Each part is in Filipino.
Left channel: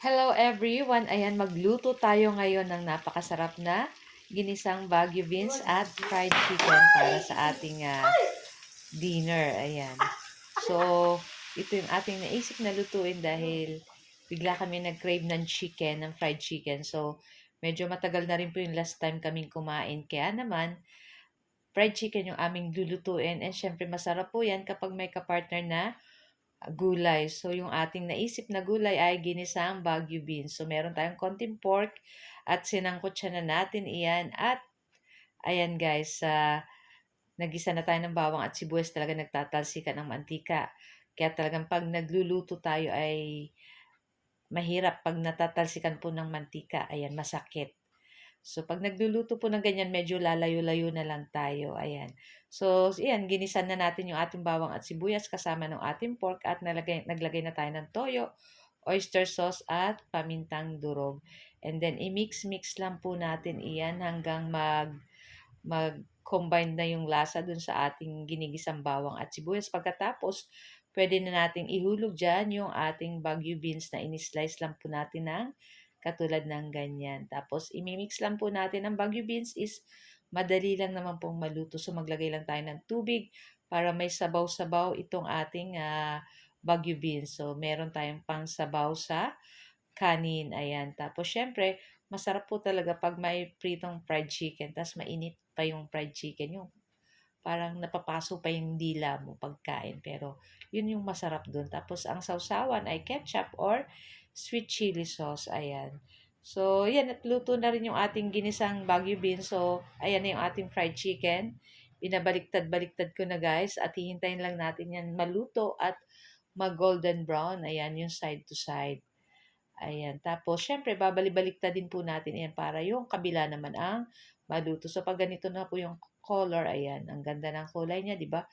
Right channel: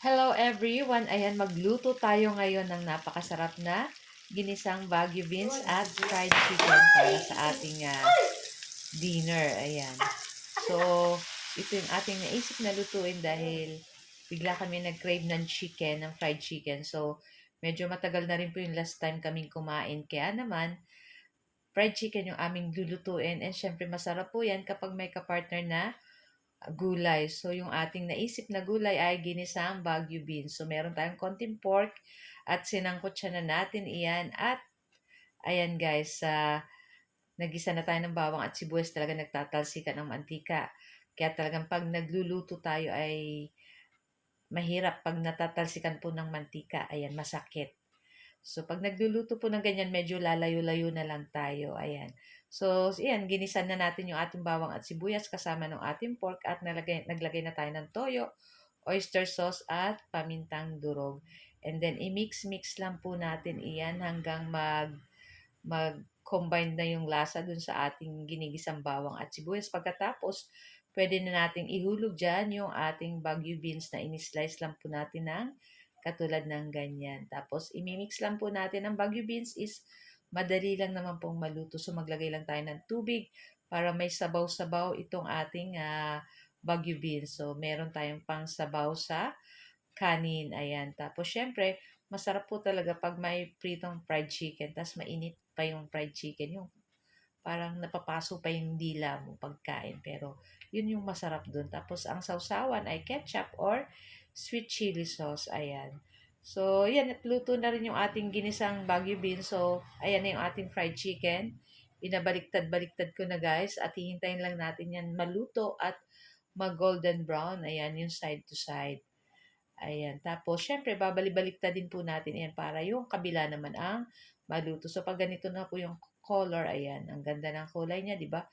Hello everyone! Ayan, magluto tayo ngayon ng napakasarap na ginisang Baguio beans at fried chicken para sa ating dinner. Ayan. So, ito yung ating naisip na lutuin dahil bigla kami nag-crave ng chicken, ng fried chicken. So, medyo matagal na rin po yung last time kaming kumain. Kaya naman, fried chicken yung aming lulutuin. And syempre, masarap po yan kapag may kapartner na gulay. So, yung ating naisip na gulay ay ginisang Baguio beans. So, meron tayong konting pork at sinangkot siya na natin iyan. At, ayan guys, nagisa na tayo ng bawang at sibuyas, talaga nagtatalsikan ng mantika. Kaya talagang pag nagluluto tayo ay mahirap pag natatalsikan po ng mantika. Ayan, masakit. So, pag nagluluto po ng ganyan, medyo lalayo-layo na lang tayo. Ayan. So, ayan, ginisan na natin yung ating bawang at sibuyas kasama ng ating pork at naglagay na tayo ng toyo, oyster sauce at pamintang durog. And then, i-mix-mix lang po natin iyan hanggang mag-combine na yung lasa dun sa ating ginigisang bawang at sibuyas. Pagkatapos, pwede na nating ihulog dyan yung ating Baguio beans na in-slice lang po natin ng katulad ng ganyan. Tapos, imimix lang po natin ang Baguio beans is madali lang naman pong maluto. So, maglagay lang tayo ng tubig para may sabaw-sabaw itong ating Baguio beans. So, meron tayong pang sabaw sa kanin. Ayan. Tapos, syempre, masarap po talaga pag may pritong fried chicken. Tapos, mainit pa yung fried chicken. Yung parang napapaso pa yung dila mo pagkain. Pero, yun yung masarap dun. Tapos, ang sausawan ay ketchup or sweet chili sauce. Ayan. So, yan. At luto na rin yung ating ginisang Baguio beans. So, ayan na yung ating fried chicken. Binabaliktad-baliktad ko na guys. At hihintayin lang natin yan maluto at mag-golden brown. Ayan, yung side to side. Ayan. Tapos, syempre, babalik-balikta din po natin yan para yung kabila naman ang maluto. So, pag ganito na po yung color, ayan, ang ganda ng kulay niya, di ba?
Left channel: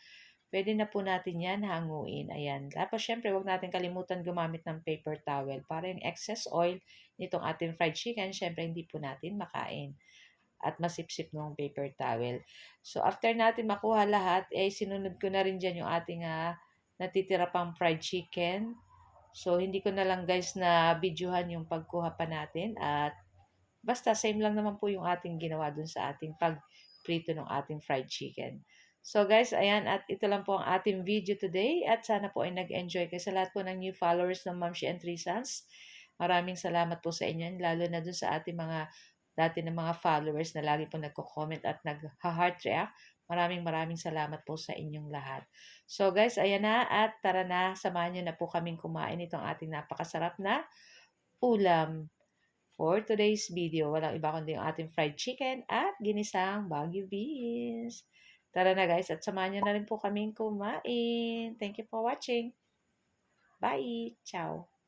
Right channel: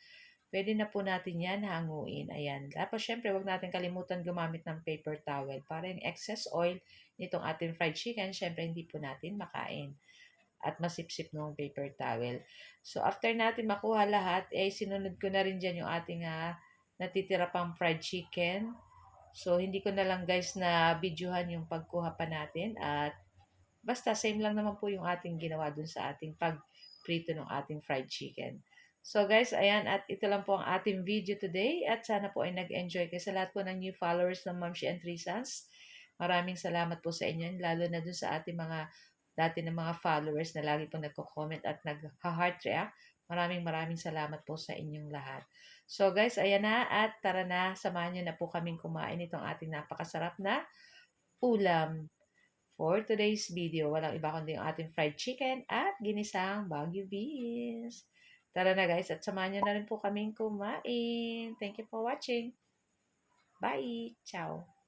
Pwede na po natin yan hanguin. Ayan. Tapos, syempre, wag natin kalimutan gumamit ng paper towel para yung excess oil nitong ating fried chicken, syempre, hindi po natin makain at masipsip ng paper towel. So, after natin makuha lahat, eh, sinunod ko na rin dyan yung ating natitira pang fried chicken. So, hindi ko na lang guys na videohan yung pagkuha pa natin at basta same lang naman po yung ating ginawa dun sa ating pagprito ng ating fried chicken. So guys, ayan at ito lang po ang ating video today at sana po ay nag-enjoy kayo sa lahat po ng new followers ng Momshi and Three Sons. Maraming salamat po sa inyo, lalo na dun sa ating mga dati ng mga followers na lagi po nagko-comment at nag-heart react. Maraming salamat po sa inyong lahat. So guys, ayan na at tara na, samahan nyo na po kaming kumain itong ating napakasarap na ulam. For today's video, walang iba kundi yung ating fried chicken at ginisang Baguio beans. Tara na guys at samahan nyo na rin po kaming kumain. Thank you for watching. Bye! Ciao!